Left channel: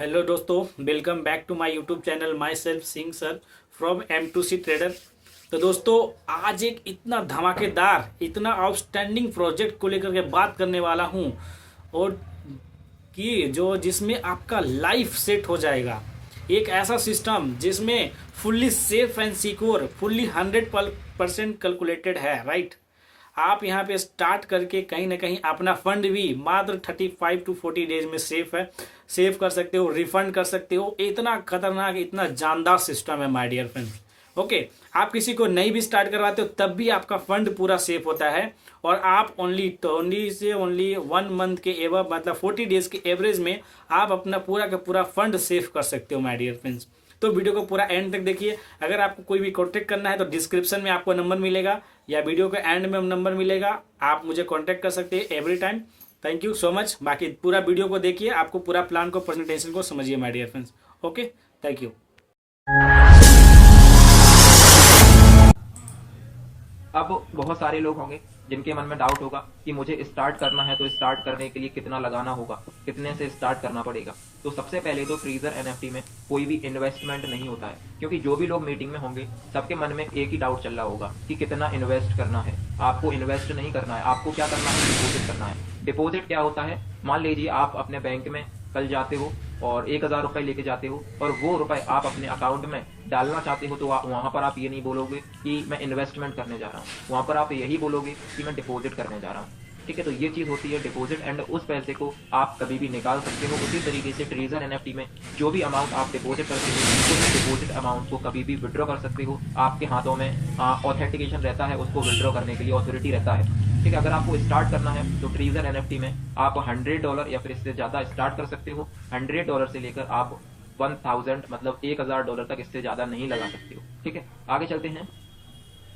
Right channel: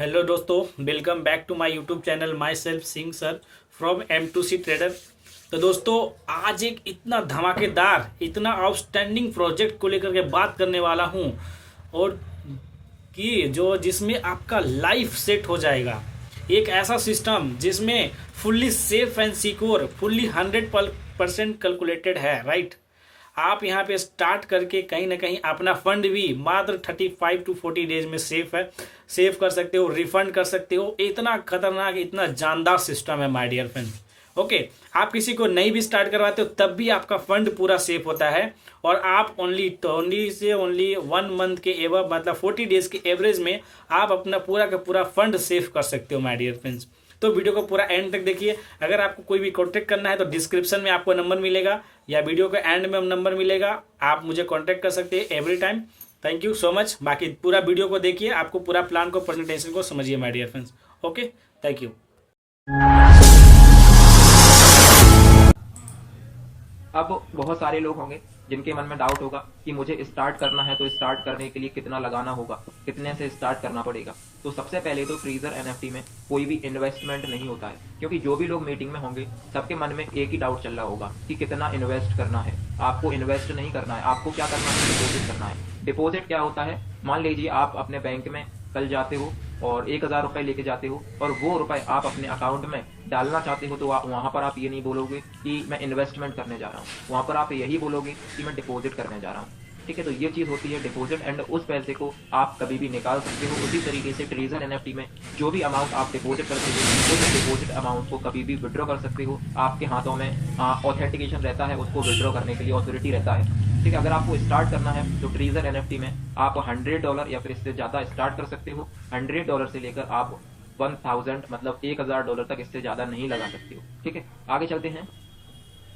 Hello दोस्तों, welcome back to my YouTube channel myself Singh sir from M2C trader. तो दोस्तों, आज एक इतना धमाकेदार, इतना आउटस्टैंडिंग प्रोजेक्ट को लेकर के बात करने वाला हूं, और कि जो जिसमें आपका लाइफ सेट हो जाएगा। एक ऐसा सिस्टम जिसमें fully safe and secure, fully 100% calculated है, राइट। आप यहाँ पे स्टार्ट करके कहीं ना कहीं अपना फंड भी मात्र 35 to 40 डेज में सेफ है, सेव कर सकते हो, रिफंड कर सकते हो। इतना खतरनाक, इतना जानदार सिस्टम है माय डियर फ्रेंड्स। ओके, आप किसी को नहीं भी स्टार्ट करवाते हो तब भी आपका फंड पूरा सेफ होता है, और आप ओनली 1 मंथ के एवं मतलब 40 डेज के एवरेज में आप अपना पूरा का पूरा फंड सेव कर सकते हो माय डियर फ्रेंड्स। तो वीडियो को पूरा एंड तक देखिए। अगर आपको कोई भी कॉन्टेक्ट करना है तो डिस्क्रिप्शन में आपको नंबर मिलेगा या वीडियो के एंड में नंबर मिलेगा, आप मुझे कॉन्टेक्ट कर सकते हैं every time. Thank you so much. बाकी पूरा वीडियो को देखिए, आपको पूरा प्लान को, प्रेजेंटेशन को समझिए my dear friends. Okay, thank you. अब बहुत सारे लोग होंगे जिनके मन में डाउट होगा कि मुझे स्टार्ट करना है तो स्टार्ट करने के लिए कितना लगाना होगा, कितने से स्टार्ट करना पड़ेगा। तो सबसे पहले तो ट्रीजर एनएफटी में कोई भी इन्वेस्टमेंट नहीं होता है, क्योंकि जो भी लोग मीटिंग में होंगे सबके मन में एक ही डाउट चल रहा होगा कि कितना इन्वेस्ट करना है। आपको इन्वेस्ट नहीं करना है, आपको क्या करना है, डिपॉजिट करना है। डिपॉजिट क्या होता है? मान लीजिए आप अपने बैंक में कल जाते हो और 1,000 रुपए लेके जाते हो और वो रुपए आप अपने अकाउंट में डालना चाहते हो, तो वहां पर आप ये नहीं बोलोगे कि मैं इन्वेस्टमेंट करने जा रहा हूँ, वहां पर आप यही बोलोगे कि मैं डिपॉजिट करने जा रहा हूँ। ठीक है, तो ये चीज होती है डिपॉजिट, एंड उस पैसे को आप कभी भी निकाल सकते हो। उसी तरीके से ट्रेजर एनएफटी में जो भी अमाउंट आप डिपॉजिट करते हो, उस डिपॉजिट अमाउंट को कभी भी विड्रॉ कर सकते हो। आपके हाथों में ऑथेंटिकेशन रहता है, उसको विड्रॉ करने के लिए ऑथोरिटी रहता है। ठीक है, अगर आपको स्टार्ट करना है तो ट्रेजर एनएफटी में आप $100 या फिर इससे ज्यादा स्टार्ट कर सकते हो। $100 से लेकर आप 1000 मतलब $1,000 तक इससे ज्यादा नहीं लगा सकते हो। ठीक है, आगे चलते हैं।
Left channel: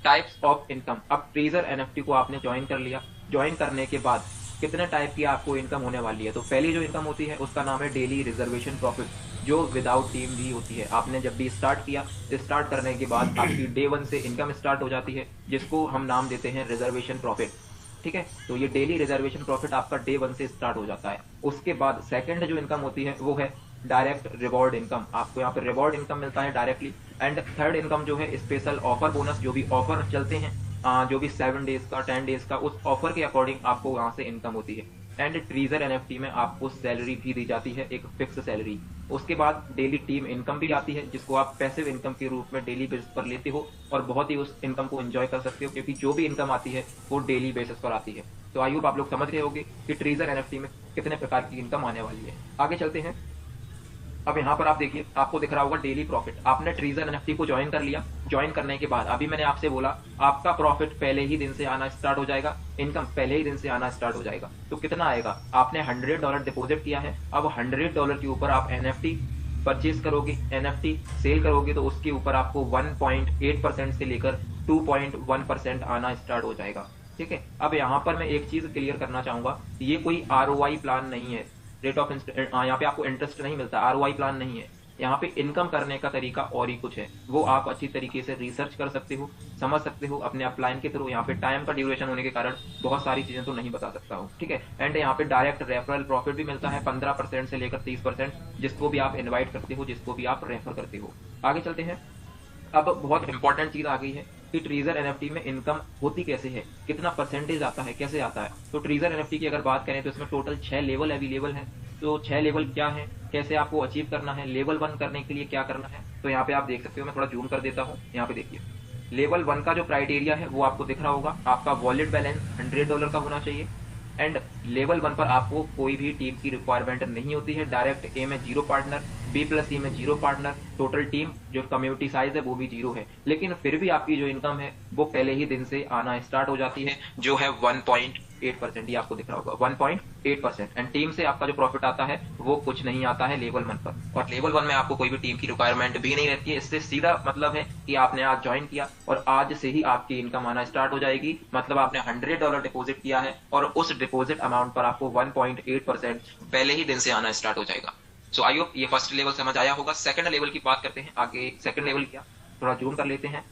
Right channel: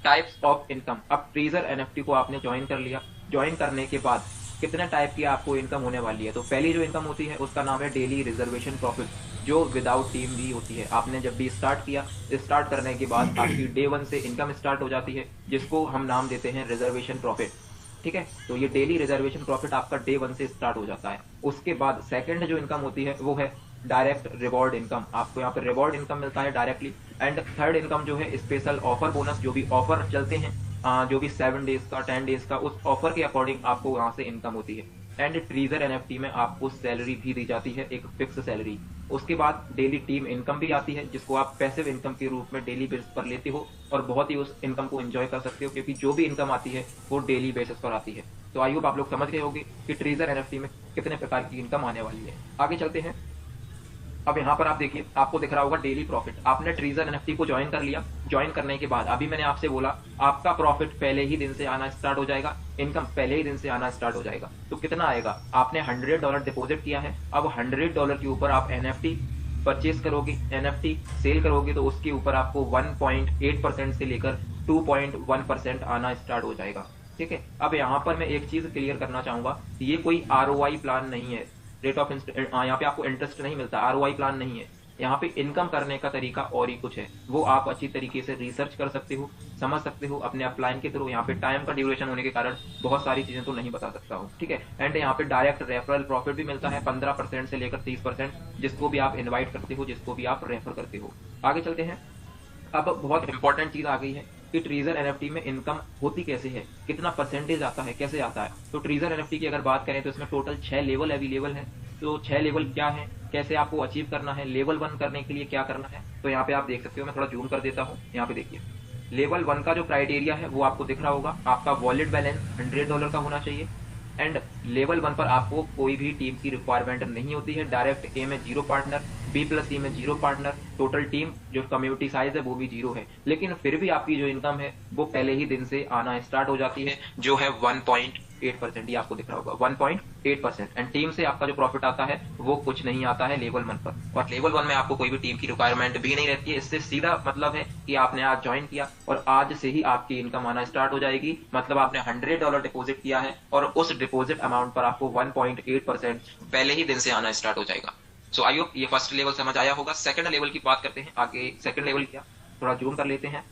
Types of income. अब ट्रेजर एनएफटी को आपने ज्वाइन कर लिया, ज्वाइन करने के बाद कितने टाइप की आपको इनकम होने वाली है? तो पहली जो इनकम होती है उसका नाम है डेली रिजर्वेशन प्रॉफिट, जो विदाउट टीम भी होती है। आपने जब भी स्टार्ट किया, स्टार्ट करने के बाद आपकी डे 1 से इनकम स्टार्ट हो जाती है, जिसको हम नाम देते हैं रिजर्वेशन प्रॉफिट। ठीक है, तो ये डेली रिजर्वेशन प्रॉफिट आपका डे 1 से स्टार्ट हो जाता है। उसके बाद सेकंड जो इनकम होती है वो है डायरेक्ट रिवॉर्ड इनकम। आपको यहाँ पर रिवॉर्ड इनकम मिलता है डायरेक्टली। एंड थर्ड इनकम जो है स्पेशल ऑफर बोनस, जो भी ऑफर चलते हैं, जो भी 7 डेज का, 10 डेज का, उस ऑफर के अकॉर्डिंग आपको वहां से इनकम होती है। एंड ट्रीजर एनएफटी में आपको सैलरी भी दी जाती है, एक फिक्स सैलरी। उसके बाद डेली टीम इनकम भी आती है, जिसको आप पैसिव इनकम के रूप में डेली बेसिस पर लेते हो और बहुत ही उस इनकम को एंजॉय कर सकते हो, क्योंकि जो भी इनकम आती है वो डेली बेसिस पर आती है। तो आई होप आप लोग समझ गए होंगे कि ट्रीजर एनएफटी में कितने प्रकार की इनकम आने वाली है। आगे चलते हैं। अब यहाँ पर आप देखिए, आपको दिख रहा होगा डेली प्रॉफिट। आपने ट्रीजर एनएफटी को ज्वाइन कर लिया, ज्वाइन करने के बाद अभी मैंने आपसे बोला आपका प्रॉफिट पहले ही दिन से आना स्टार्ट हो जाएगा, इनकम पहले ही दिन से आना स्टार्ट हो जाएगा। तो कितना आएगा? आपने $100 डिपॉजिट किया है, अब $100 के ऊपर आप एनएफटी परचेज करोगे, एनएफटी सेल करोगे, तो उसके ऊपर आपको 1.8% से लेकर 2.1% आना स्टार्ट हो जाएगा। ठीक है, अब यहाँ पर मैं एक चीज क्लियर करना चाहूंगा, ये कोई आरओआई प्लान नहीं है। रेट ऑफ यहाँ पे आपको इंटरेस्ट नहीं मिलता, आरओआई प्लान नहीं है। यहाँ पे इनकम करने का तरीका और ही कुछ है, वो आप अच्छी तरीके से रिसर्च कर सकते हो, समझ सकते हो अपने अपलाइन के थ्रू। यहाँ पे टाइम का ड्यूरेशन होने के कारण बहुत सारी चीजें तो नहीं बता सकता हूँ। ठीक है, एंड यहाँ पे डायरेक्ट रेफरल प्रॉफिट भी मिलता है 15% से लेकर 30%, जिसको भी आप इन्वाइट करते हो, जिसको भी आप रेफर करते हो। आगे चलते हैं। अब बहुत इंपॉर्टेंट चीज आ गई है कि ट्रीजर एनएफटी में इनकम होती कैसे है, कितना परसेंटेज आता है, कैसे आता है। तो ट्रीजर एनएफटी की अगर बात करें तो इसमें टोटल 6 लेवल अवेलेबल है। तो 6 लेवल क्या है, कैसे आपको अचीव करना है, लेवल 1 करने के लिए क्या करना है, तो यहाँ पे आप देख सकते हो। मैं थोड़ा जूम कर देता हूँ, यहाँ पे देखिए। लेवल 1 का जो क्राइटेरिया है वो आपको दिख रहा होगा, आपका वॉलेट बैलेंस $100 का होना चाहिए। एंड लेवल 1 पर आपको कोई भी टीम की रिक्वायरमेंट नहीं होती है। डायरेक्ट ए में 0 पार्टनर, B+C में 0 पार्टनर, टोटल टीम जो कम्युनिटी साइज है वो भी 0 है। लेकिन फिर भी आपकी जो इनकम है वो पहले ही दिन से आना स्टार्ट हो जाती है, जो है 1.8%। ये आपको दिख रहा होगा 1.8%। एंड टीम से आपका जो प्रॉफिट आता है वो कुछ नहीं आता है लेवल 1 पर। और लेवल 1 में आपको कोई भी टीम की रिक्वायरमेंट भी नहीं रहती है। इससे सीधा मतलब है कि आपने आज ज्वाइन किया और आज से ही आपकी इनकम आना स्टार्ट हो जाएगी। मतलब आपने $100 डिपॉजिट किया है और उस डिपॉजिट अमाउंट पर आपको 1.8% पहले ही दिन से आना स्टार्ट हो जाएगा। सो आई होप ये फर्स्ट लेवल समझ आया होगा। सेकंड लेवल की बात करते हैं आगे। सेकंड लेवल क्या, थोड़ा जूम कर लेते हैं।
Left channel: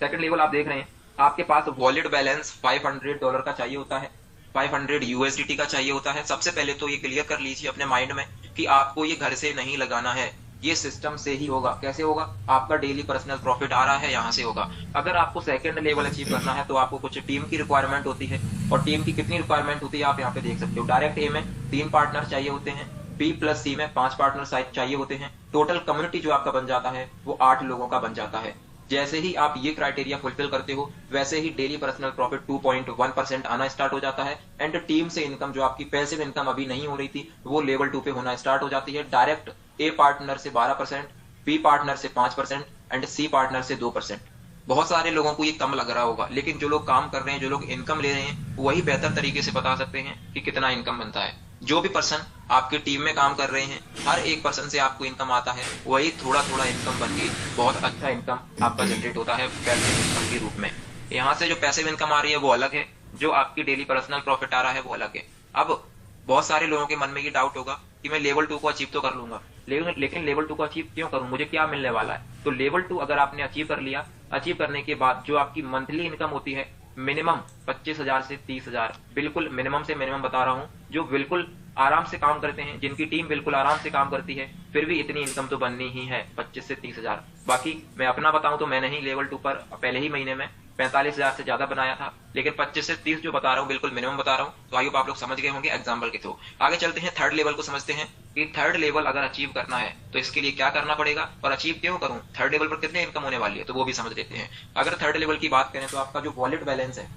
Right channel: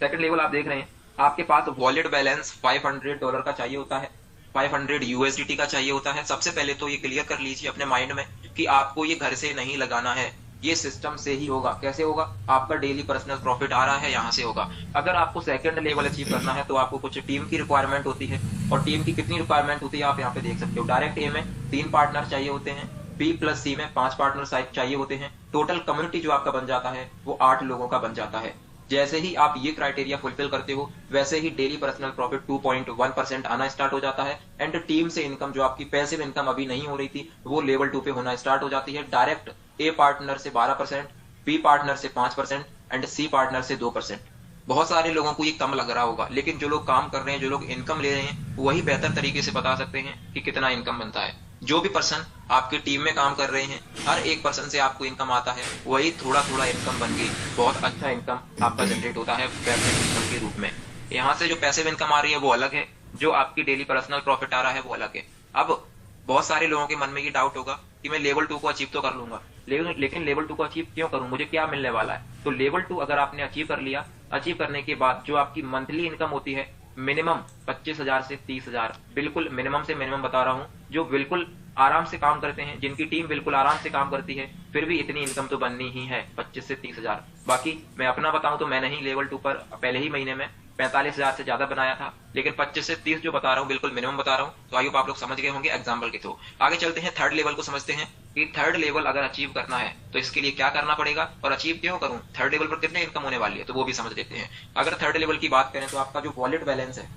सेकंड लेवल आप देख रहे हैं, आपके पास वॉलेट बैलेंस $500 का चाहिए होता है। 500 यूएसडीटी का चाहिए होता है। सबसे पहले तो ये क्लियर कर लीजिए अपने माइंड में कि आपको ये घर से नहीं लगाना है, ये सिस्टम से ही होगा। कैसे होगा? आपका डेली पर्सनल प्रॉफिट आ रहा है, यहाँ से होगा। अगर आपको सेकंड लेवल अचीव करना है तो आपको कुछ टीम की रिक्वायरमेंट होती है, और टीम की कितनी रिक्वायरमेंट होती है आप यहाँ पे देख सकते हो। डायरेक्ट ए में 3 पार्टनर चाहिए होते हैं, बी प्लस सी में 5 पार्टनर चाहिए होते हैं। टोटल कम्युनिटी जो आपका बन जाता है वो 8 लोगों का बन जाता है। जैसे ही आप ये क्राइटेरिया फुलफिल करते हो, वैसे ही डेली पर्सनल प्रॉफिट 2.1% आना स्टार्ट हो जाता है। एंड टीम से इनकम, जो आपकी पैसिव इनकम अभी नहीं हो रही थी, वो लेवल 2 पे होना स्टार्ट हो जाती है। डायरेक्ट ए पार्टनर से 12%, बी पार्टनर से 5% एंड सी पार्टनर से 2%। बहुत सारे लोगों को ये कम लग रहा होगा, लेकिन जो लोग काम कर रहे हैं, जो लोग इनकम ले रहे हैं, वही बेहतर तरीके से बता सकते हैं कि कितना इनकम बनता है। जो भी पर्सन आपकी टीम में काम कर रहे हैं, हर एक पर्सन से आपको इनकम आता है, वही थोड़ा-थोड़ा इनकम बन के बहुत अच्छा इनकम आपका जनरेट होता है पैसिव इनकम के रूप में। यहाँ से जो पैसिव इनकम आ रही है वो अलग है, जो आपकी डेली पर्सनल प्रॉफिट आ रहा है वो अलग है। अब बहुत सारे लोगों के मन में ये डाउट होगा कि मैं लेवल 2 को अचीव तो कर लूँगा, लेकिन लेवल 2 को अचीव क्यों करूँ? मुझे क्या मिलने वाला है? तो लेवल 2 अगर आपने अचीव कर लिया, अचीव करने के बाद जो आपकी मंथली इनकम होती है, मिनिमम 25,000 से 30,000, बिल्कुल मिनिमम से मिनिमम बता रहा हूँ, जो बिल्कुल आराम से काम करते हैं, जिनकी टीम बिल्कुल आराम से काम करती है, फिर भी इतनी इनकम तो बननी ही है 25 से 30,000। बाकी मैं अपना बताऊँ तो मैंने ही लेवल 2 पर पहले ही महीने में 45,000 से ज़्यादा बनाया था, लेकिन 25 से 30 जो बता रहा हूँ बिल्कुल मिनिमम बता रहा हूँ। तो आई होप आप लोग समझ गए होंगे एग्जाम्पल के थ्रू। आगे चलते हैं, थर्ड लेवल को समझते हैं कि थर्ड लेवल अगर अचीव करना है तो इसके लिए क्या करना पड़ेगा और अचीव क्यों करूँ, थर्ड लेवल पर कितने इनकम होने वाली है, तो वो भी समझ लेते हैं। अगर थर्ड लेवल की बात करें तो आपका जो वॉलेट बैलेंस है,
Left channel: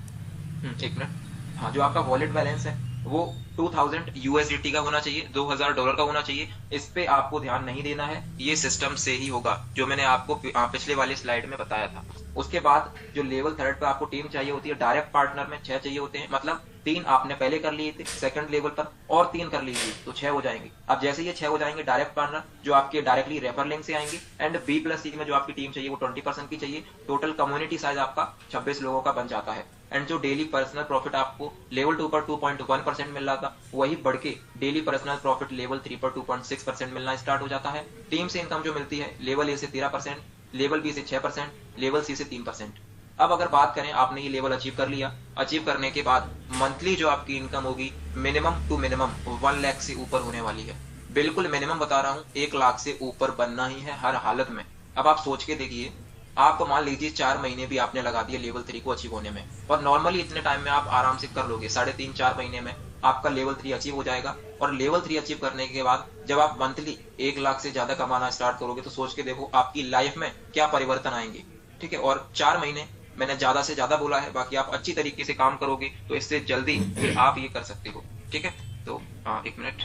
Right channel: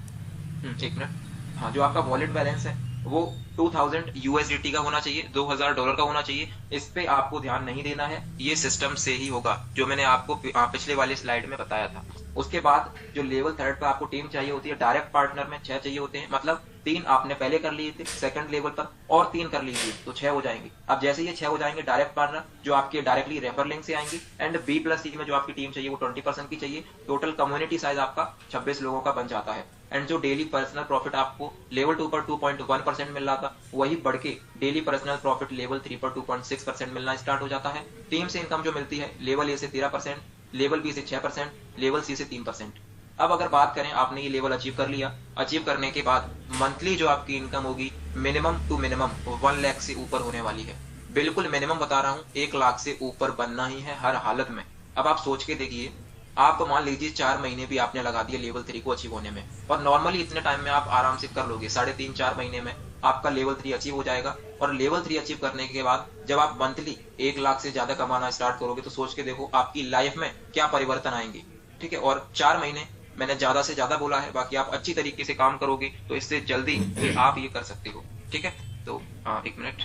1 मिनट। हाँ, जो आपका वॉलेट बैलेंस है वो 2000 यूएसडीटी का होना चाहिए, $2000 का होना चाहिए। इस पे आपको ध्यान नहीं देना है, ये सिस्टम से ही होगा, जो मैंने आपको पिछले वाले स्लाइड में बताया था। उसके बाद जो लेवल थर्ड पे आपको टीम चाहिए होती है, डायरेक्ट पार्टनर में 6 चाहिए होते हैं, मतलब 3 आपने पहले कर लिए थे सेकंड लेवल पर, और 3 कर लीजिए तो 6 हो जाएंगे। अब जैसे ये 6 हो जाएंगे, डायरेक्ट पार्टनर जो आपके डायरेक्टली रेफर लिंक से आएंगे, एंड बी प्लस सी में जो आपकी टीम चाहिए वो 20% की चाहिए। टोटल कम्युनिटी साइज आपका 26 लोगों का बन जाता है। एंड जो डेली पर्सनल प्रॉफिट आपको लेवल 2 पर 2.1% मिल रहा था, वही बढ़ के डेली पर्सनल प्रॉफिट लेवल 3 पर 2.6% मिलना स्टार्ट हो जाता है। टीम से इनकम जो मिलती है, लेवल ए से 13%, लेवल बी से 6%, लेवल सी से 3%। अब अगर बात करें, आपने ये लेवल अचीव कर लिया, अचीव करने के बाद मंथली जो आपकी इनकम होगी, मिनिमम टू मिनिमम 1 लाख से ऊपर होने वाली है। बिल्कुल मिनिमम बता रहा हूँ, 1 लाख से ऊपर बनना ही है हर हालत में। अब आप सोच के देखिए, आप मान लीजिए 4 महीने भी आपने लगा दिए लेवल 3 को अचीव होने में, और नॉर्मली इतने टाइम में आप आराम से कर लोगे, 3.5-4 महीने में आपका लेवल 3 अचीव हो जाएगा। और लेवल 3 अचीव करने के बाद जब आप मंथली 1 लाख से ज़्यादा कमाना स्टार्ट करोगे, तो सोच के देखो आपकी लाइफ में क्या परिवर्तन आएँगे, ठीक है? और 4 महीने मैंने ज़्यादा से ज़्यादा बोला है, बाकी आप अच्छी तरीके से काम करोगे तो इससे जल्दी भी आप ये कर सकते हो, ठीक है? तो 1 मिनट।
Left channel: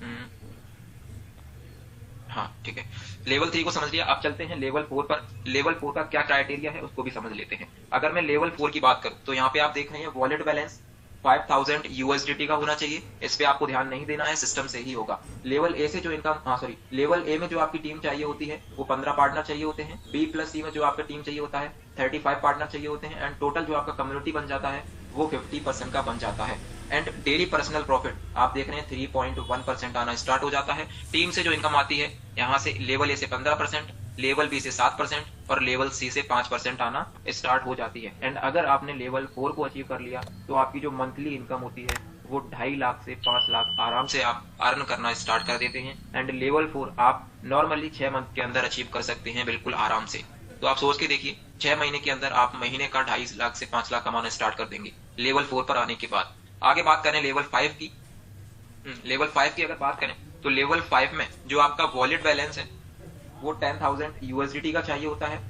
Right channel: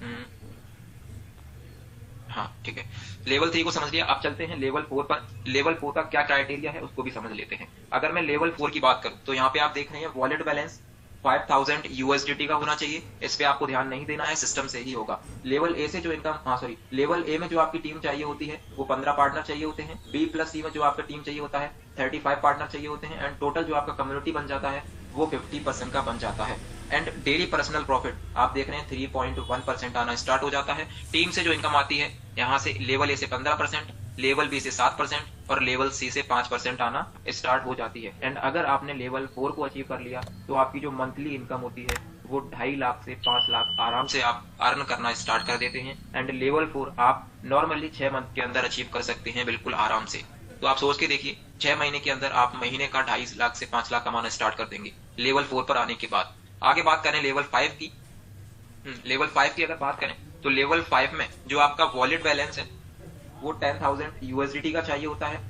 हुँ। हाँ, ठीक है। लेवल 3 को समझ लिया, अब चलते हैं लेवल 4 पर। लेवल 4 का क्या क्राइटेरिया है उसको भी समझ लेते हैं। अगर मैं लेवल 4 की बात करूँ तो यहाँ पे आप देख रहे हैं वॉलेट बैलेंस 5000 यूएसडीटी का होना चाहिए। इस पे आपको ध्यान नहीं देना है, सिस्टम से ही होगा। लेवल ए से जो इनकम, सॉरी, लेवल ए में जो आपकी टीम चाहिए होती है वो 15 पार्टनर चाहिए होते हैं। बी प्लस सी में जो आपका टीम चाहिए होता है 35 पार्टनर चाहिए होते हैं, एंड टोटल जो आपका कम्युनिटी बन जाता है वो 50% का बन जाता है। एंड डेली पर्सनल प्रॉफिट आप देख रहे हैं 3.1% आना स्टार्ट हो जाता है। टीम से जो इनकम आती है, यहाँ से लेवल ए से 15%, लेवल बी से 7% और लेवल सी से 5% आना स्टार्ट हो जाती है। एंड अगर आपने लेवल 4 को अचीव कर लिया तो आपकी जो मंथली इनकम होती है वो 2.5 लाख से 5 लाख आराम से आप अर्न करना स्टार्ट कर देते हैं। एंड लेवल 4 आप नॉर्मली 6 मंथ के अंदर अचीव कर सकते हैं, बिल्कुल आराम से। तो आप सोच के देखिए, 6 महीने के अंदर आप महीने का 2.5 लाख से 5 लाख कमाना स्टार्ट कर देंगे लेवल 4 पर आने के बाद। आगे बात करें लेवल 5 की। लेवल 5 की अगर बात करें तो लेवल 5 में जो आपका वॉलेट बैलेंस है वो 10,000 यूएसडीटी का चाहिए होता है।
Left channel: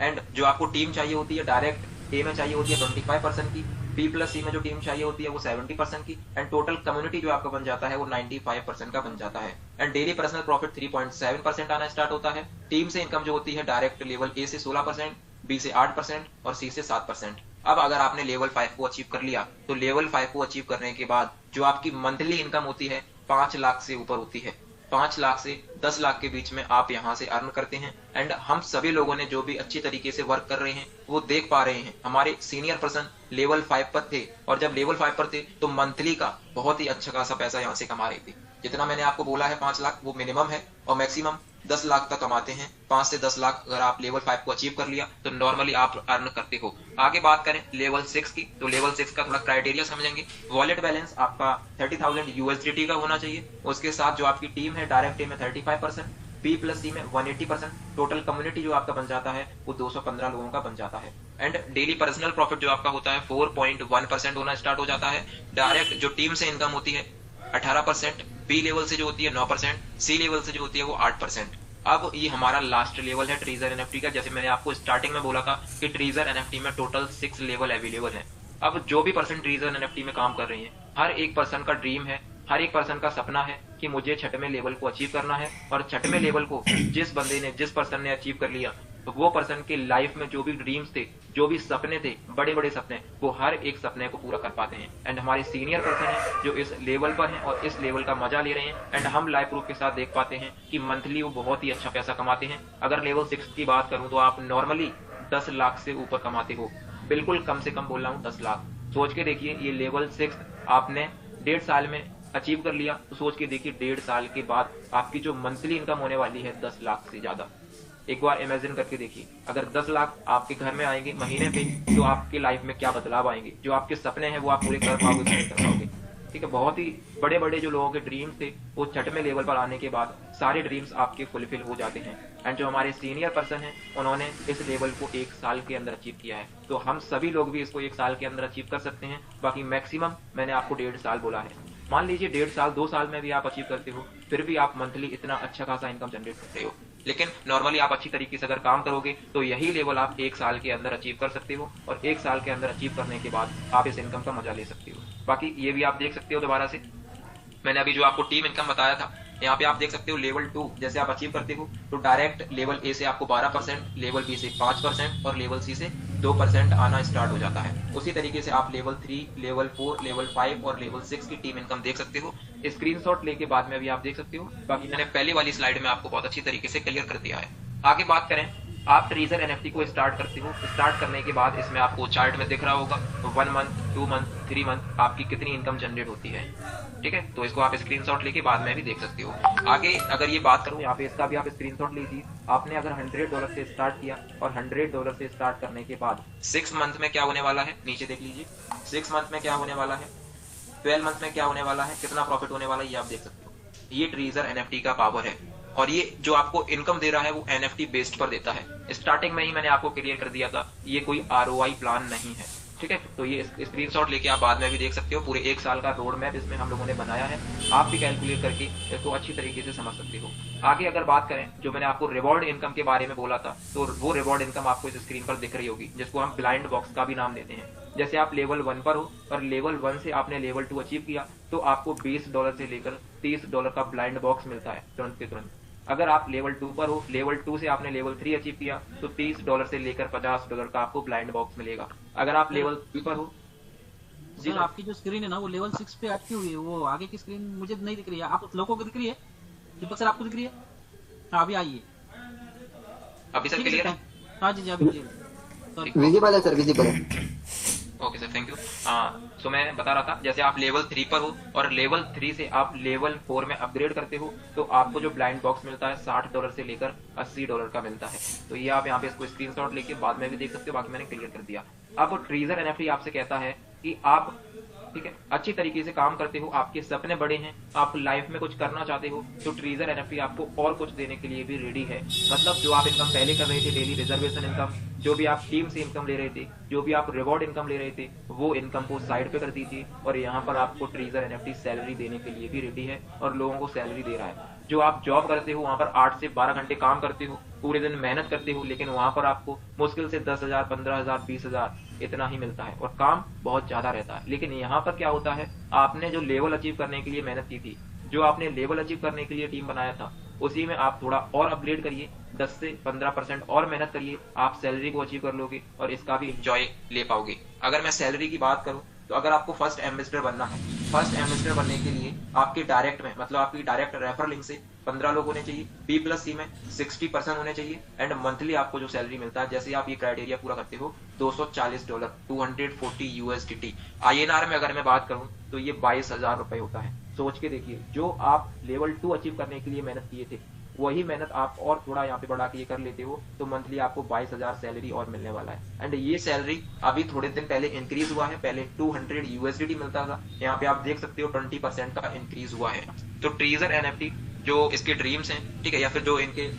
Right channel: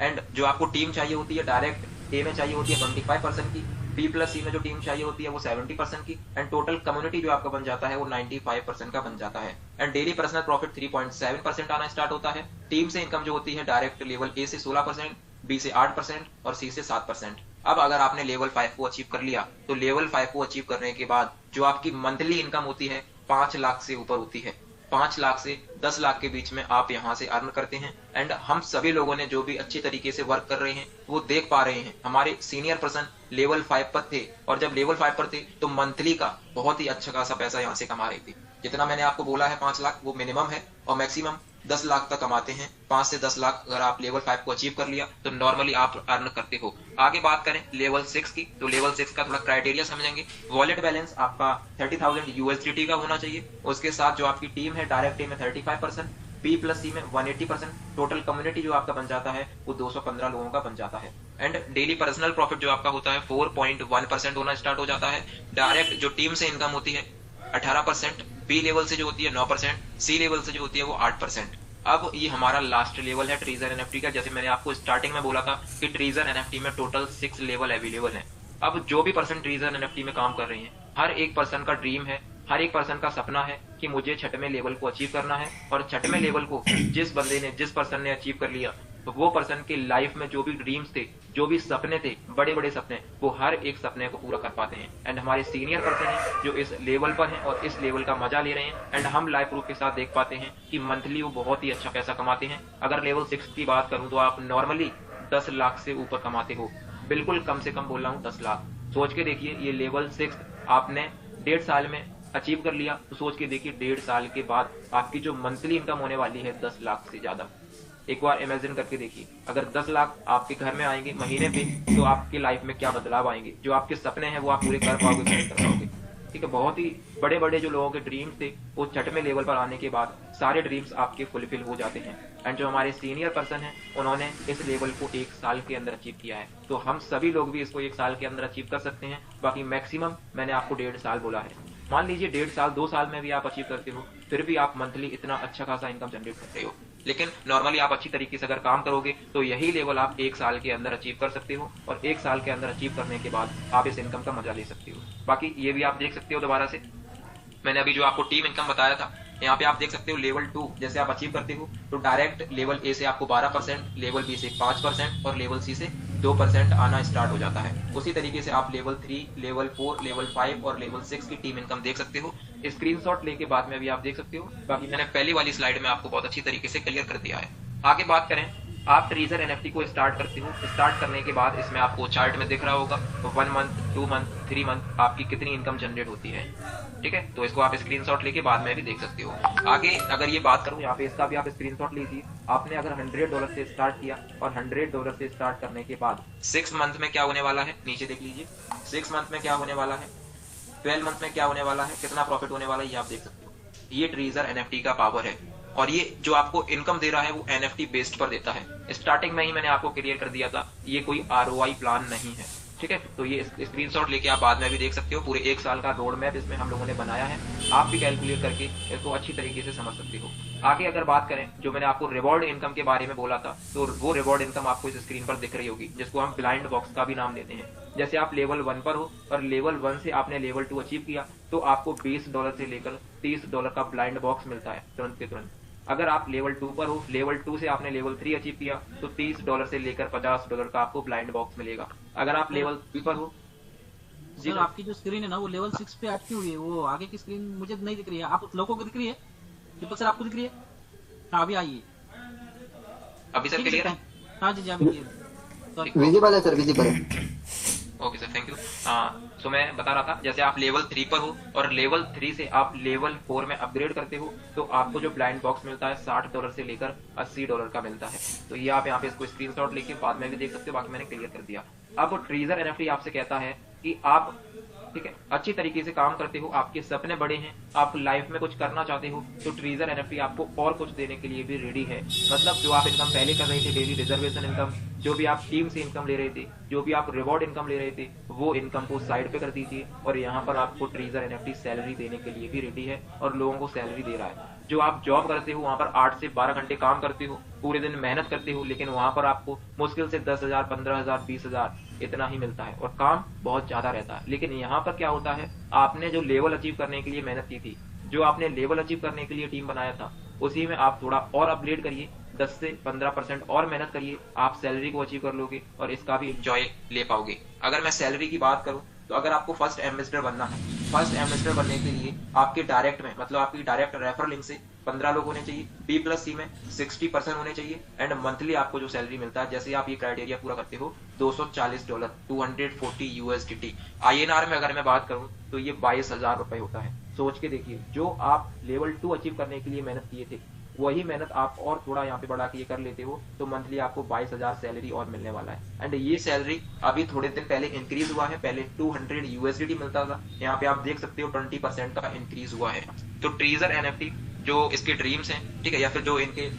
एंड जो आपको टीम चाहिए होती है, डायरेक्ट ए में चाहिए होती है 25% की, बी प्लस सी में जो टीम चाहिए होती है वो 70% की, एंड टोटल कम्युनिटी जो आपका बन जाता है वो 95% का बन जाता है। एंड डेली पर्सनल प्रॉफिट 3.7% आना स्टार्ट होता है। टीम से इनकम जो होती है, डायरेक्ट लेवल ए से 16%, बी से 8% और सी से 7%। अब अगर आपने लेवल 5 को अचीव कर लिया तो लेवल 5 को अचीव करने के बाद जो आपकी मंथली इनकम होती है 5 लाख से ऊपर होती है। 5 लाख से 10 लाख के बीच में आप यहाँ से अर्न करते हैं। एंड हम सभी लोगों ने जो भी अच्छी तरीके से वर्क कर रहे हैं वो देख पा रहे हैं। हमारे सीनियर पर्सन लेवल 5 पर थे, और जब लेवल 5 पर थे तो मंथली का बहुत ही अच्छा खासा पैसा यहाँ से कमा रहे थे। जितना मैंने आपको बोला है 5 लाख वो मिनिमम है, और मैक्सिमम 10 लाख तक कमाते हैं। 5 से 10 लाख अगर आप लेवल 5 को अचीव कर लिया तो नॉर्मली आप अर्न करते हो। आगे बात करें लेवल 6 की, तो लेवल 6 का थोड़ा क्राइटेरिया समझेंगे। वॉलेट बैलेंस आपका 30,000 यूएसडीटी का होना चाहिए। उसके साथ जो आपकी टीम है, डायरेक्ट टीम में 35%, बी प्लस सी में 180%, टोटल कम्युनिटी जो आपका बन जाता है वो 215 लोगों का बन जाता है। एंड डेली पर्सनल प्रॉफिट जो आपका होता है 4.1% होना स्टार्ट हो जाता है। डायरेक्ट जो टीम से इनकम होती है 18%, बी लेवल से जो होती है 9%, सी लेवल से जो होती है वो 8%। अब ये हमारा लास्ट लेवल है ट्रीजर एनएफटी का। जैसे मैंने आपको स्टार्टिंग में बोला था कि ट्रीजर एनएफटी में टोटल 6 लेवल अवेलेबल है। अब जो भी पर्सन ट्रीजर एनएफटी में काम कर रहे हैं, हर एक पर्सन का ड्रीम है, हर एक पर्सन का सपना है कि मुझे छठवें लेवल को अचीव करना है। और छठवें लेवल को जिस बंदे ने, जिस पर्सन ने अचीव कर लिया, वो पर्सन के लाइफ में जो भी ड्रीम्स थे, जो भी सपने थे, बड़े बड़े सपने, वो हर एक सपने को पूरा कर पाते हैं। एंड हमारे सीनियर पर्सन है जो इस लेवल पर हैं और इस लेवल का मजा ले रहे हैं। एंड हम लाइव प्रूफ के साथ देख पाते हैं कि मंथली वो बहुत ही अच्छा पैसा कमाते हैं। अगर लेवल 6 की बात करूं तो आप नॉर्मली 10 लाख से ऊपर कमाते हो। बिल्कुल कम से कम बोल रहा हूँ, 10 लाख। सोच के देखिए, ये लेवल 6 आपने 1.5 साल में अचीव कर लिया, तो सोच के देखिए 1.5 साल के बाद आपकी जो मंथली इनकम होने वाली है 10 लाख से ज्यादा। एक बार इमेजिन करके देखिए, अगर 10 लाख आपके घर में आएंगे महीने पे, तो आपकी लाइफ में क्या बदलाव आएंगे। जो आपके सपने हैं वो आप पूरे कर पाओगे कि नहीं कर पाओगे। ठीक है, बहुत ही बड़े बड़े जो लोगों के ड्रीम्स थे, वो छठवें लेवल पर आने के बाद सारे ड्रीम्स आपके फुलफिल हो जाते हैं। एंड जो हमारे सीनियर पर्सन है, उन्होंने इस लेवल को 1 साल के अंदर अचीव किया है। तो हम सभी लोग भी इसको 1 साल के अंदर अचीव कर सकते हैं। बाकी मैक्सिमम मैंने आपको 1.5 साल बोला है। मान लीजिए 1.5 साल, 2 साल में भी आप अचीव करते हो, फिर भी आप मंथली इतना अच्छा खासा इनकम जनरेट करते हो। लेकिन नॉर्मली आप अच्छी तरीके से अगर काम करोगे तो यही लेवल आप 1 साल के अंदर अचीव कर सकते हो। और 1 साल के अंदर अचीव करने के बाद आप इस इनकम का मजा ले सकते हो। बाकी ये भी आप देख सकते हो दोबारा से, मैंने अभी जो आपको टीम इनकम बताया था, यहाँ पे आप देख सकते हो लेवल 2 जैसे आप अचीव करते हो तो डायरेक्ट लेवल ए से आपको 12%, लेवल बी से 5% और लेवल सी से 2% आना स्टार्ट हो जाता है। उसी तरीके से आप लेवल 3, लेवल 4, लेवल 5 और लेवल 6 की टीम इनकम देख सकते हो। स्क्रीनशॉट लेके बाद में भी आप देख सकते हो। बाकी मैंने पहली वाली स्लाइड में आपको बहुत अच्छी तरीके से क्लियर कर दिया है। आगे बात करें, आप ट्रीजर एनएफटी को स्टार्ट करते हो। स्टार्ट करने के बाद इसमें आपको चार्ट में दिख रहा होगा 1 मंथ, 2 मंथ, 3 मंथ आपकी कितनी इनकम जनरेट होती है। ठीक है, तो इसको आप स्क्रीनशॉट लेके बाद में भी देख सकते हो। आगे अगर ये बात करूं, यहाँ पे इसका भी आप स्क्रीनशॉट लीजिए। आपने अगर $100 से स्टार्ट किया और $100 से स्टार्ट करने के बाद 6 मंथ में क्या होने वाला है, नीचे देख लीजिए। 6 मंथ में क्या होने वाला है, 12 मंथ में क्या होने वाला है, कितना प्रॉफिट होने वाला है, ये आप देख सकते हो। ये ट्रीजर एनएफटी का पावर है। और ये जो आपको इनकम दे रहा है वो एनएफटी बेस्ड पर देता है। स्टार्टिंग में ही मैंने आपको क्लियर कर दिया था, ये कोई आरओआई प्लान नहीं है। ठीक है, तो ये स्क्रीनशॉट लेके आप बाद में भी देख सकते हो। पूरे 1 साल का रोड मैप इसमें हम लोगों ने बनाया है। आप भी कैलकुलेट करके इसको अच्छी तरीके से समझ सकते हो। आगे अगर बात करें, जो मैंने आपको रिवॉर्ड इनकम के बारे में बोला था, तो वो रिवॉर्ड इनकम आपको इस स्क्रीन पर दिख रही होगी, जिसको हम ब्लाइंड बॉक्स का भी नाम देते हैं। जैसे आप लेवल 1 पर हो और लेवल 1 से आपने लेवल 2 अचीव किया, तो आपको $20 से लेकर $30 का ब्लाइंड बॉक्स मिलता है तुरंत के तुरंत। अगर आप लेवल 2 पर हो, लेवल 2 से आपने लेवल 3 अचीव किया, तो $30 से लेकर $50 का आपको ब्लाइंड बॉक्स मिलेगा। अगर आप सर लेवल 3 पर हो। जी सर सर, आपकी जो स्क्रीन है ना, वो लेवल 6 पे अटकी हुई है। वो आगे की स्क्रीन मुझे नहीं दिख रही है। आप लोगों को दिख रही है? दीपक सर आपको दिख रही है? हाँ अभी आई है। अभी सर ठीक है सर, क्लियर है? थैंक। हाँ जी जी, अभी क्लियर है। सॉरी। ठीक, ओके। विजिबल है सर, विजिबल है। Okay sir, thank you. So मैं बता रहा था, जैसे आप लेवल 3 पर हो और लेवल 3 से आप लेवल 4 में अपग्रेड करते हो, तो आपको जो ब्लाइंड बॉक्स मिलता है $60 से लेकर $80 का मिलता है। तो ये आप यहाँ पे इसको स्क्रीनशॉट लेके बाद में भी देख सकते हो। बाकी मैंने क्लियर कर दिया। अब ट्रीजर एनएफटी आपसे कहता है कि आप, ठीक है, अच्छी तरीके से काम करते हो, आपके सपने बड़े हैं, आप लाइफ में कुछ करना चाहते हो, तो ट्रीजर एनएफटी आपको और कुछ देने के लिए भी रेडी है। मतलब जो आप इनकम पहले कर रहे थे, डेली रिजर्वेशन इनकम, जो भी आप टीम से इनकम ले रहे थे, जो भी आप रिवॉर्ड इनकम ले रहे थे, वो इनकम को साइड पे कर दीजिए। और यहाँ पर आपको ट्रीजर एनएफटी सैलरी देने के लिए भी रेडी है और लोगों को सैलरी दे रहा है। जो आप जॉब करते हो वहां पर 8 से 12 घंटे काम करते हो, पूरे दिन मेहनत करते हो, लेकिन वहां पर आपको मुश्किल से 10,000, 15,000, 20,000 इतना ही मिलता है और काम बहुत ज्यादा रहता है। लेकिन यहाँ पर क्या होता है, आपने जो लेवल अचीव करने के लिए मेहनत की थी, जो आपने लेवल अचीव करने के लिए टीम बनाया था, उसी में आप थोड़ा और अपग्रेड करिए, 10 से 15% और मेहनत करिए, आप सैलरी को अचीव कर लोगे और इसका भी इंजॉय ले पाओगे। अगर मैं सैलरी की बात करूं, तो अगर आपको फर्स्ट एम्बेसडर बनना है, फर्स्ट एम्बेसडर बनने के लिए आपके डायरेक्ट में, मतलब आपकी डायरेक्ट रेफर लिंक से 15 लोग होने चाहिए, बी प्लस सी में 60% होने चाहिए। एंड मंथली आपको जो सैलरी मिलता है, जैसे आप ये क्राइटेरिया पूरा करते हो, $240, 240 यूएसडीटी। आईएनआर में अगर मैं बात करूं तो ये 22,000 रुपए होता है। सोच के देखिए, जो आप लेवल 2 अचीव करने के लिए मेहनत किए थे, वही मेहनत आप और थोड़ा यहाँ पे बढ़ा के ये कर लेते हो तो मंथली आपको 22,000 सैलरी और मिलने वाला है। एंड ये सैलरी अभी थोड़े दिन पहले इंक्रीज हुआ है, पहले 200 यूएसडीटी मिलता था, यहाँ पे आप देख सकते हो 20% का इंक्रीज हुआ है। तो ट्रीजर एनएफटी जो इसके ड्रीम्स हैं, ठीक है, या फिर जो इनके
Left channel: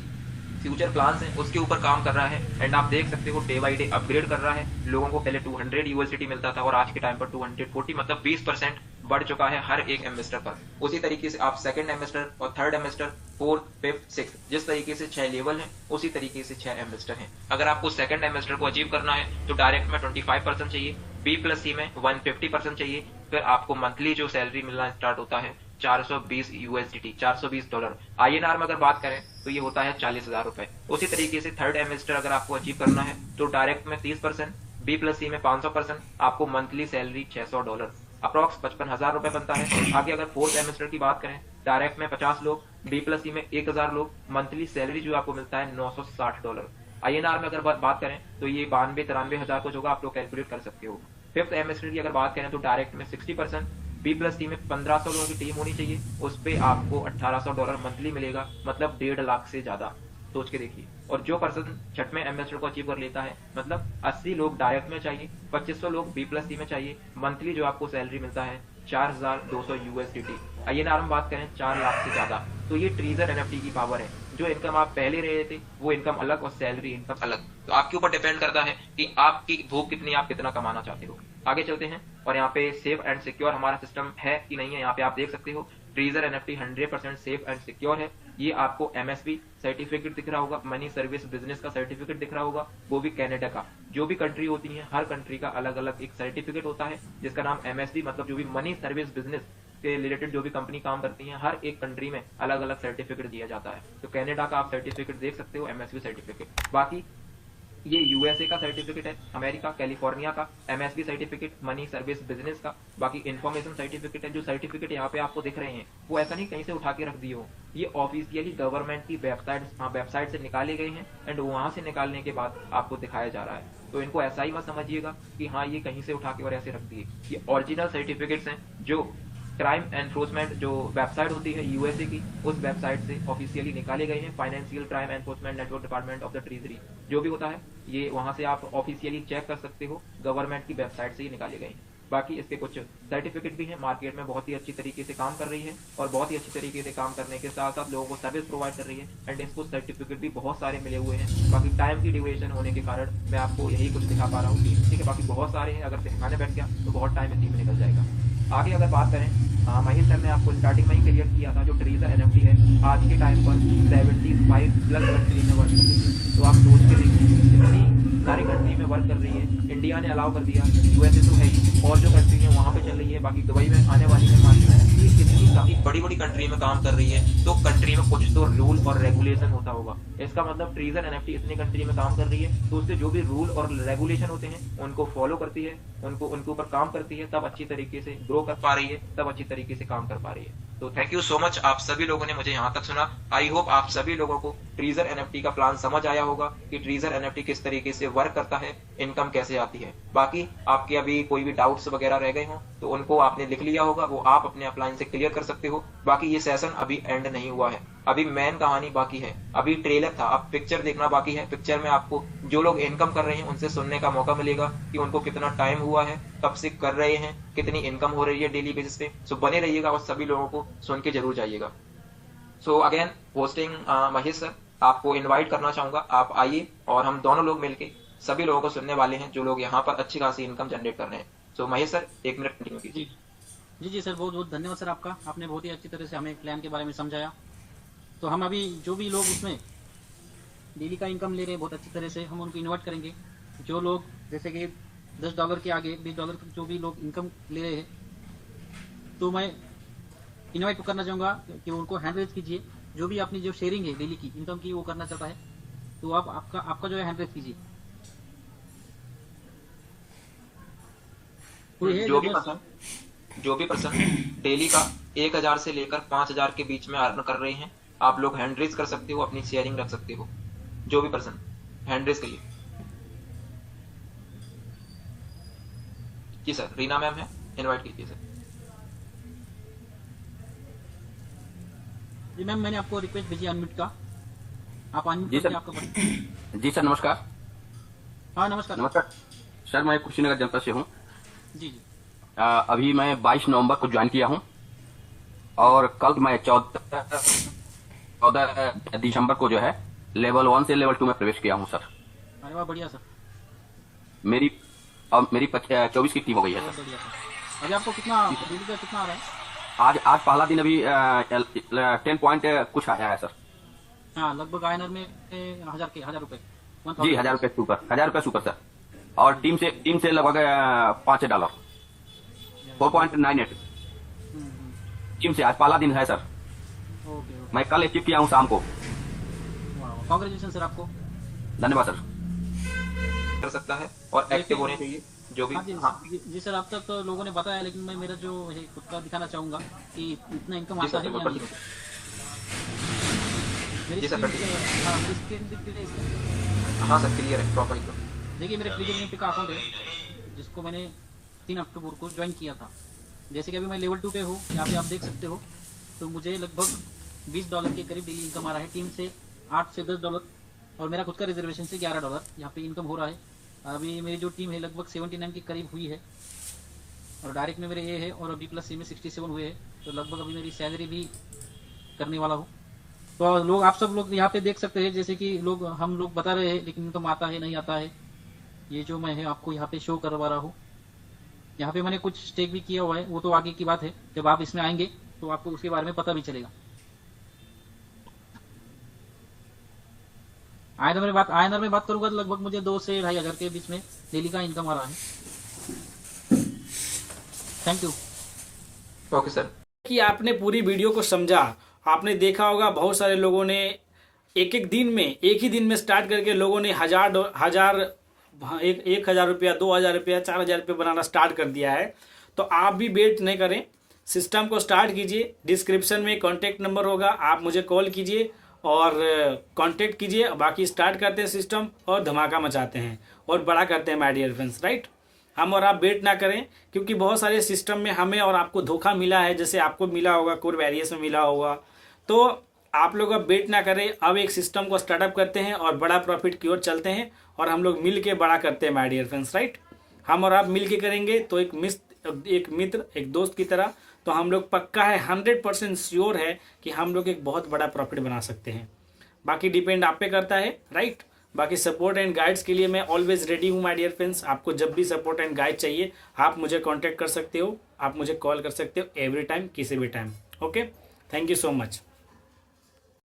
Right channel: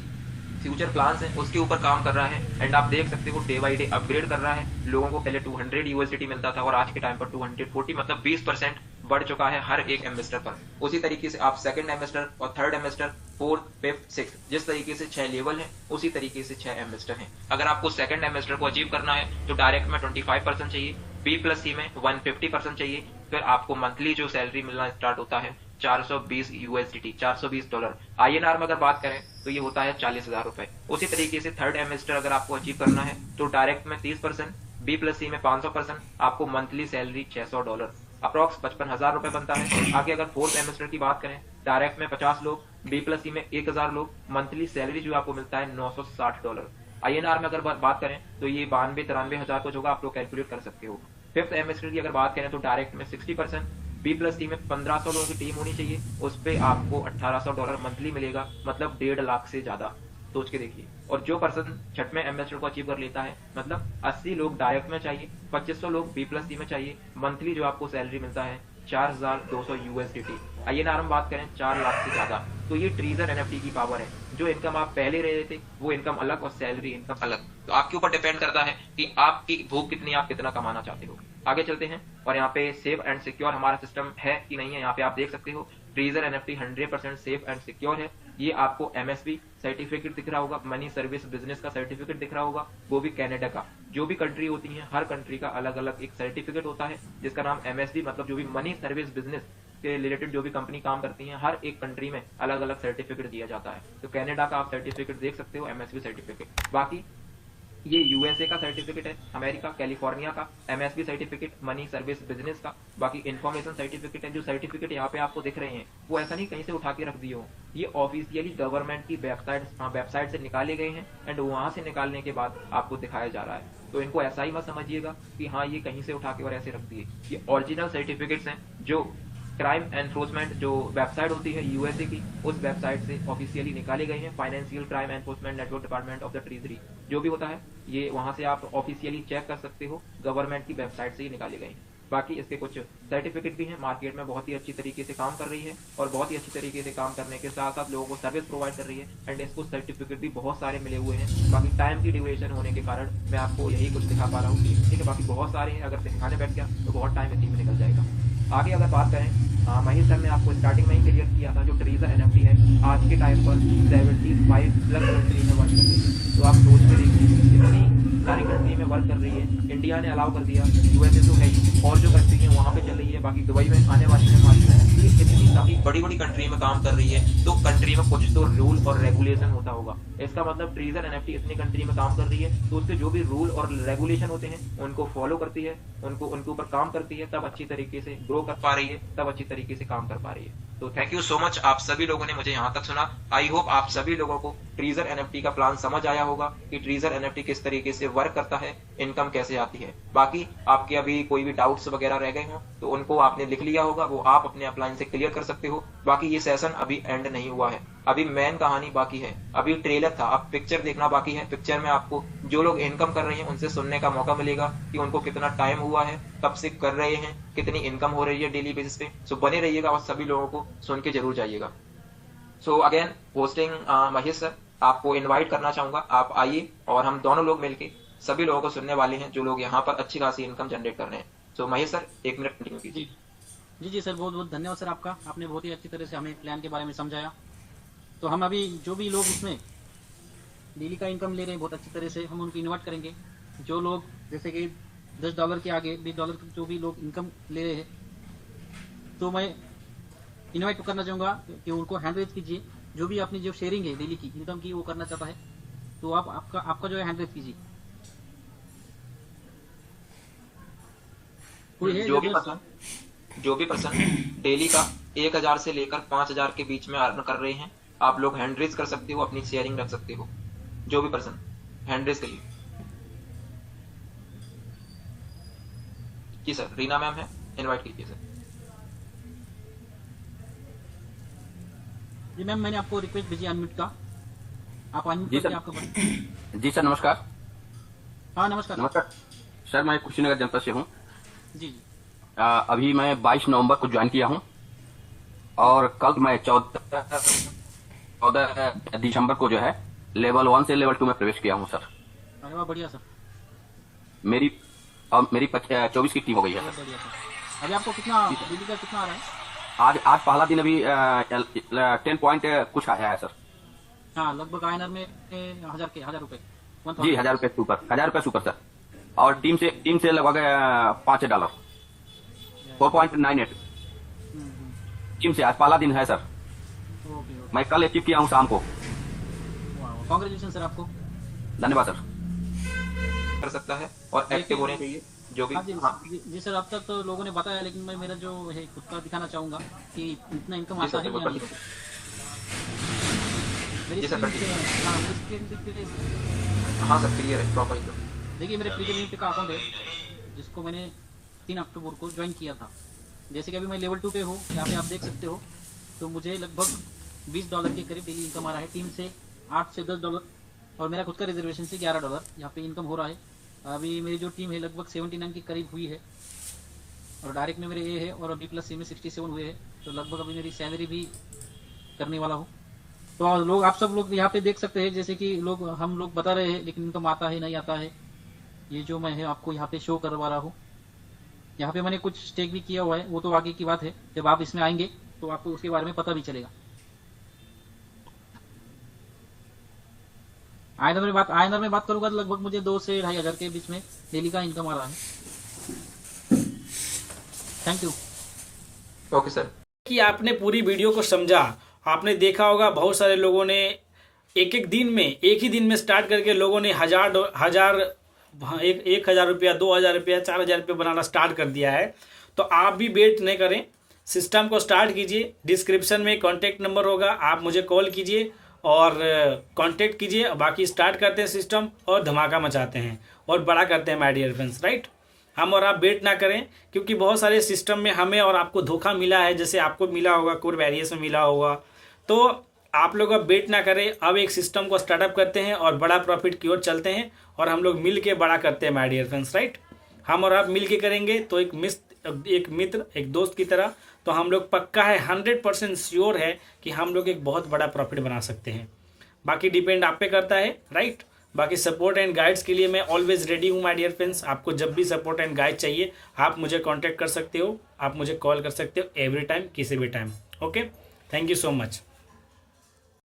फ्यूचर प्लान्स हैं उसके ऊपर काम कर रहा है। एंड आप देख सकते हो डे बाई डे अपग्रेड कर रहा है। लोगों को पहले 200 यूएसडीटी मिलता था और आज के टाइम पर 240, मतलब 20% बढ़ चुका है हर एक एमएसटर पर। उसी तरीके से आप सेकंड एमएसटर और थर्ड एमएसटर, फोर्थ, फिफ्थ, सिक्स, जिस तरीके से 6 लेवल है उसी तरीके से 6 एमएसटर हैं। अगर आपको सेकंड एमएसटर को अचीव करना है तो डायरेक्ट में 25% चाहिए, बी प्लस सी में 150% चाहिए। फिर आपको मंथली जो सैलरी मिलना स्टार्ट होता है 420 यूएसडीटी, $420। आईएनआर में अगर बात करें तो ये होता है 40,000 रुपए। उसी तरीके से थर्ड एमएसटर अगर आपको अचीव करना है तो डायरेक्ट में 30%, बी प्लस सी में 500%, आपको मंथली सैलरी $600, अप्रॉक्स 55,000 रुपए बनता है। आगे अगर फोर्थ एमएसटर की बात करें, डायरेक्ट में 50 लोग, बी प्लस सी में 1,000 लोग, मंथली सैलरी जो आपको मिलता है $960। आईएनआर में अगर बात करें तो ये 92-93,000 कुछ होगा, आप लोग कैलकुलेट कर सकते हो। फिफ्थ एमएसटर की अगर बात करें तो डायरेक्ट में 60%, बी प्लस सी में 1500 लोगों की टीम होनी चाहिए, उस पे आपको $1,800 मंथली मिलेगा, मतलब 1.5 लाख से ज्यादा। सोच के देखिए। और जो पर्सन छठवें एमएसटर को अचीव कर लेता है, मतलब 80 लोग डायरेक्ट में चाहिए, 2500 लोग बी प्लस सी में चाहिए, मंथली जो आपको सैलरी मिलता है 4,200 यूएसडीटी। आईएनआर में बात करें 4 लाख से ज्यादा। तो ये ट्रीजर एनएफटी की पावर है। जो इनकम आप पहले रहे थे वो इनकम अलग और सैलरी इनकम अलग। तो आपके ऊपर डिपेंड करता है कि आपकी भूख कितनी, आप कितना कमाना चाहते हो। आगे चलते हैं और यहाँ पे सेफ एंड सिक्योर हमारा सिस्टम है कि नहीं है, यहाँ पे आप देख सकते हो treasure NFT 100% safe and secure है। ये आपको एमएसबी सर्टिफिकेट दिख रहा होगा, मनी सर्विस बिजनेस का सर्टिफिकेट दिख रहा होगा, वो भी कनाडा का। जो भी कंट्री होती है हर कंट्री का अलग अलग एक सर्टिफिकेट होता है जिसका नाम एमएसबी, मतलब जो भी मनी सर्विस बिजनेस के रिलेटेड जो भी कंपनी काम करती है हर एक कंट्री में अलग अलग सर्टिफिकेट दिया जाता है। तो कनाडा का आप सर्टिफिकेट देख सकते हो, एमएसबी सर्टिफिकेट। बाकी ये यूएसए का सर्टिफिकेट है, अमेरिका कैलिफोर्निया का MSB certificate, money service business का। बाकी इन्फॉर्मेशन सर्टिफिकेट है। जो सर्टिफिकेट यहाँ पे आपको दिख रहे हैं वो ऐसा नहीं कहीं से उठा के रख दिए हो, ये ऑफिशियली गवर्नमेंट की वेबसाइट से निकाले गए हैं एंड वहां से निकालने के बाद आपको दिखाया जा रहा है। तो इनको ऐसा ही मत समझिएगा कि हाँ ये कहीं से उठा के और ऐसे रख दिए। ये ओरिजिनल सर्टिफिकेट्स हैं जो क्राइम एनफोर्समेंट जो वेबसाइट होती है यूएसए की, उस वेबसाइट से ऑफिशियली निकाले गए हैं। Financial crime enforcement network department of the treasury जो भी होता है, ये वहां से आप ऑफिशियली चेक कर सकते हो, गवर्नमेंट की वेबसाइट से ही निकाले गए हैं। बाकी इसके कुछ सर्टिफिकेट भी हैं, मार्केट में बहुत ही अच्छी तरीके से काम कर रही है और बहुत ही अच्छी तरीके से काम करने के साथ साथ लोगों को सर्विस प्रोवाइड कर रही है। एंड इसको सर्टिफिकेट भी बहुत सारे मिले हुए हैं। बाकी टाइम की ड्यूरेशन होने के कारण मैं आपको यही कुछ दिखा पा रहा हूँ, ठीक है। बाकी बहुत सारे हैं, अगर दिखाने बैठ गया तो बहुत टाइम इसी में निकल जाएगा। आगे अगर बात करें, महेश सर ने आपको स्टार्टिंग में ही क्लियर किया था, जो ट्रीजर एनएफटी है आज के टाइम पर 75 प्लस कंट्री में वर्क कर रही है। तो आप सोच के देखिए इतनी सारी कंट्री में वर्क कर रही है। इंडिया ने अलाउ कर दिया, यूएसए तो है ही, और जो कंट्री है वहां पे चल रही है, बाकी दुबई में आने वाली है मार्च में। तो ये इतनी सारी बड़ी बड़ी कंट्री में काम कर रही है, तो कंट्री में कुछ तो रूल और रेगुलेशन होता होगा। इसका मतलब ट्रीजर एनएफटी इतनी कंट्री में काम कर रही है तो उसके जो भी रूल और रेगुलेशन होते हैं उनको फॉलो करती है, उनको उनके ऊपर काम करती है, तब अच्छी तरीके से ग्रो कर पा रही है, तब अच्छी तरीके से काम कर पा रही है। तो थैंक यू सो मच, आप सभी लोगों ने मुझे यहाँ तक सुना। आई होप आप सभी लोगों को ट्रीजर एनएफटी का प्लान समझ आया होगा कि ट्रीजर एनएफटी किस तरीके से वर्क करता है, इनकम कैसे आती है। बाकी आपके अभी कोई भी डाउट्स वगैरह रह गए हों तो उनको आपने लिख लिया होगा, वो आप अपने अपलाइन से क्लियर कर सकते हो। बाकी ये सेशन अभी एंड नहीं हुआ है, अभी मेन कहानी बाकी है। अभी ट्रेलर था, अब पिक्चर देखना बाकी है। पिक्चर में आपको जो लोग इनकम कर रहे हैं उनसे सुनने का मौका मिलेगा कि उनको कितना टाइम हुआ है, कब से कर रहे हैं, कितनी इनकम हो रही है डेली बेसिस पे। सो बने रहिएगा और सभी लोगों को सुन के जरूर जाइएगा। So again hosting Mahesh sir, आपको इनवाइट करना चाहूंगा, आप आइए और हम दोनों लोग मिलके सभी लोगों को सुनने वाले हैं जो लोग यहाँ पर अच्छी खासी इनकम जनरेट कर रहे हैं। सो महेश सर 1 मिनट कंटिन्यू कीजिए। जी जी जी सर, बहुत बहुत धन्यवाद सर आपका। आपने बहुत ही अच्छी तरह से हमें प्लान के बारे में समझाया। तो हम अभी जो भी लोग इसमें डेली का इनकम ले रहे हैं बहुत अच्छी तरह से, हम उनको इन्वाइट करेंगे। जो लोग जैसे कि $10 के आगे $20 तक जो भी लोग इनकम ले रहे हैं, तो मैं इन्वाइट करना चाहूँगा कि उनको हैंड रेज कीजिए। जो भी अपनी जो शेयरिंग है डेली की इनकम की वो करना चाहता है, तो आप आपका जो है हैंड रेज कीजिए। कोई है जो जो भी पर्सन डेली का 1,000 से लेकर 5,000 के बीच में अर्न कर रहे हैं, आप लोग हैंड रेज कर सकते हो, अपनी शेयरिंग रख सकते हो। जो भी पर्सन हैंड रेज करिए। जी सर, रीना मैम है, इनवाइट कीजिए सर। जी मैम, मैंने आपको रिक्वेस्ट भेजी अनम्यूट का। आप अनम्यूट जी करके सर। आपका जी सर, नमस्कार। हाँ नमस्कार सर। नमस्कार सर, मैं कुशीनगर जनपद से हूँ। जी जी। अभी मैं 22 नवंबर को ज्वाइन किया हूँ और कल मैं 14 दिसंबर को जो है लेवल 1 से लेवल 2 में प्रवेश किया हूँ सर। अरे वाह बढ़िया सर। मेरी 24 की टीम हो गई है बहुत सर। बढ़िया सर। अभी आपको कितना जी सर। डेली का कितना आ रहा है? आज पहला दिन अभी 10 पॉइंट कुछ आया है सर। हाँ लगभग आयनर में 1000 रुपए जी, 1000 रुपीज। ₹1000 super sir. और जी जी। टीम से लगभग $5 बहुत बढ़िया। 4.98 हम्म। टीम से। आज पहला दिन है सर। Okay okay. मैं कल अचीव किया हूँ शाम को। वाह वाह कॉन्ग्रेचुलेशन सर आपको। धन्यवाद सर। कर सकता है और एक्टिव देखिए होने चाहिए जो भी। हाँ जी हाँ जी सर, अब तक तो लोगों ने बताया, लेकिन मैं मेरा जो है खुद का दिखाना चाहूंगा कि इतना इनकम जी आता सर, है बिल्कुल या नहीं। कंटिन्यू। मेरी जी सर, स्क्रीन, कंटिन्यू। हाँ मेरी स्क्रीन दिख रही है इसमें। हाँ सर, क्लियर है प्रॉपर एकदम। देखिए मेरे ट्रेजर निफ्टी का अकाउंट है, जिसको मैंने 3 अक्टूबर को ज्वाइन किया था। जैसे कि अभी मैं लेवल 2 पे हूँ, यहाँ पे आप देख सकते हो। तो मुझे लगभग $20 के करीब डेली इनकम आ रहा है। टीम से $8 से $10 और मेरा खुद का रिजर्वेशन से $11 यहाँ पे इनकम हो रहा है। अभी मेरी जो टीम है लगभग 79 के करीब हुई है और डायरेक्ट में मेरे ये है, और अभी प्लस सी में 67 हुए हैं। तो लगभग अभी मेरी सैलरी भी करने वाला हूँ। तो लोग, आप सब लोग यहाँ पे देख सकते हैं, जैसे कि हम लोग बता रहे हैं, लेकिन इनकम आता है नहीं आता है। ये जो मैं है आपको यहाँ पे शो करवा रहा हूँ। यहाँ पे मैंने कुछ स्टेक भी किया हुआ है, वो तो आगे की बात है। जब आप इसमें आएंगे तो आपको उसके बारे में पता भी चलेगा। आयनर में बात करूंगा तो लगभग मुझे 2 से 2500 के बीच में डेली का इनकम आ रहा है। Thank you. Okay sir. कि आपने पूरी वीडियो को समझा। आपने देखा होगा बहुत सारे लोगों ने एक ही दिन में स्टार्ट करके लोगों ने एक हजार रुपया, 2000 रुपया, 4000 रुपया बनाना स्टार्ट कर दिया है। तो आप भी वेट नहीं करें, सिस्टम को स्टार्ट कीजिए। डिस्क्रिप्शन में कॉन्टैक्ट नंबर होगा, आप मुझे कॉल कीजिए और कांटेक्ट कीजिए। बाकी स्टार्ट करते हैं सिस्टम और धमाका मचाते हैं और बड़ा करते हैं माय डियर फ्रेंड्स, राइट। हम और आप वेट ना करें, क्योंकि बहुत सारे सिस्टम में हमें और आपको धोखा मिला है, जैसे आपको मिला होगा, कोर वेरियस में मिला होगा। तो आप लोग अब वेट ना करें, अब एक सिस्टम को स्टार्टअप करते हैं और बड़ा प्रॉफिट की ओर चलते हैं और हम लोग मिल के बड़ा करते हैं माय डियर फ्रेंड्स, राइट। हम और आप मिल के करेंगे तो एक मित्र, एक दोस्त की तरह, तो हम लोग पक्का है, 100% श्योर है कि हम लोग एक बहुत बड़ा प्रॉफिट बना सकते हैं। बाकी डिपेंड आप पे करता है, राइट। बाकी सपोर्ट एंड गाइड्स के लिए मैं ऑलवेज रेडी हूँ माय डियर फ्रेंड्स। आपको जब भी सपोर्ट एंड गाइड चाहिए आप मुझे कांटेक्ट कर सकते हो, आप मुझे कॉल कर सकते हो एवरी टाइम, किसी भी time. Okay, thank you so much.